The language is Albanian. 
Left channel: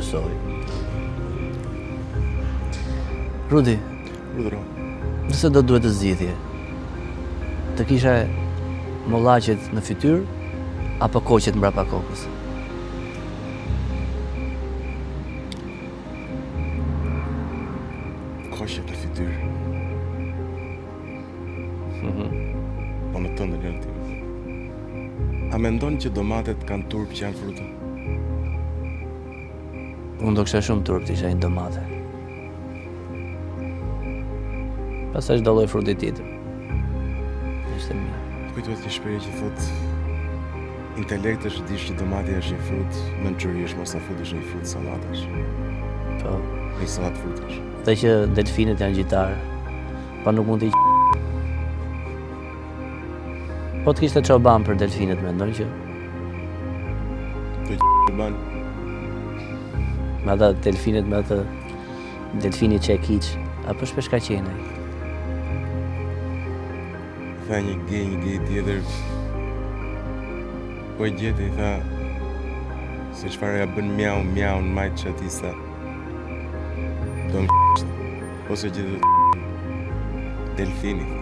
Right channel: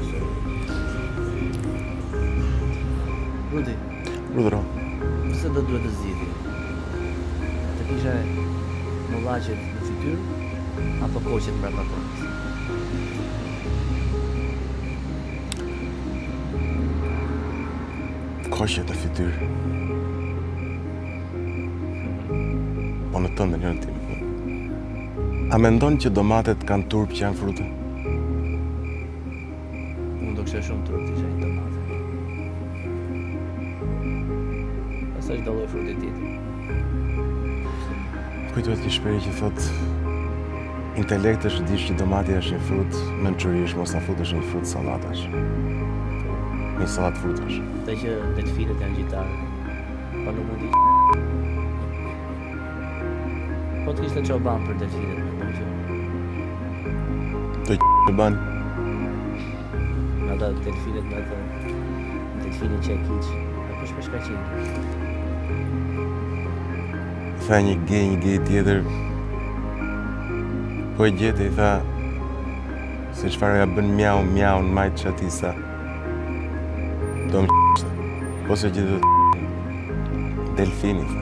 besoj. Rudi, Rudro. nëse do duhet të zgjidhje, të kisha mollaqet në fytyrë apo koqet mbrapa kokës? Koqet në fytyrë. Po në tënde njërën time. A mendon që domatet kanë turp që janë fruta? Unë do kisha shumë turp të isha një domate. Pastaj çdo lloj fruti tjetër. Ishte mirë. Kujtohet një shprehje që thot intelekt është dish që domati është një frut mençurish, mos na futesh në një frut sallatash. Po, Një sallat frutash. dhe që delfinët janë gjitarë, pa nuk mund t'i Po të kishte çoban për delfinët, mendon që Do të ban. me ata delfinët me atë delfini që e kiq, apo shpeshkaqeni. Tha një gej tjetër. Po e gjeti, tha se çfarë ja bën mjau në majtë që ati sa do në po se gjithë delfini, tha.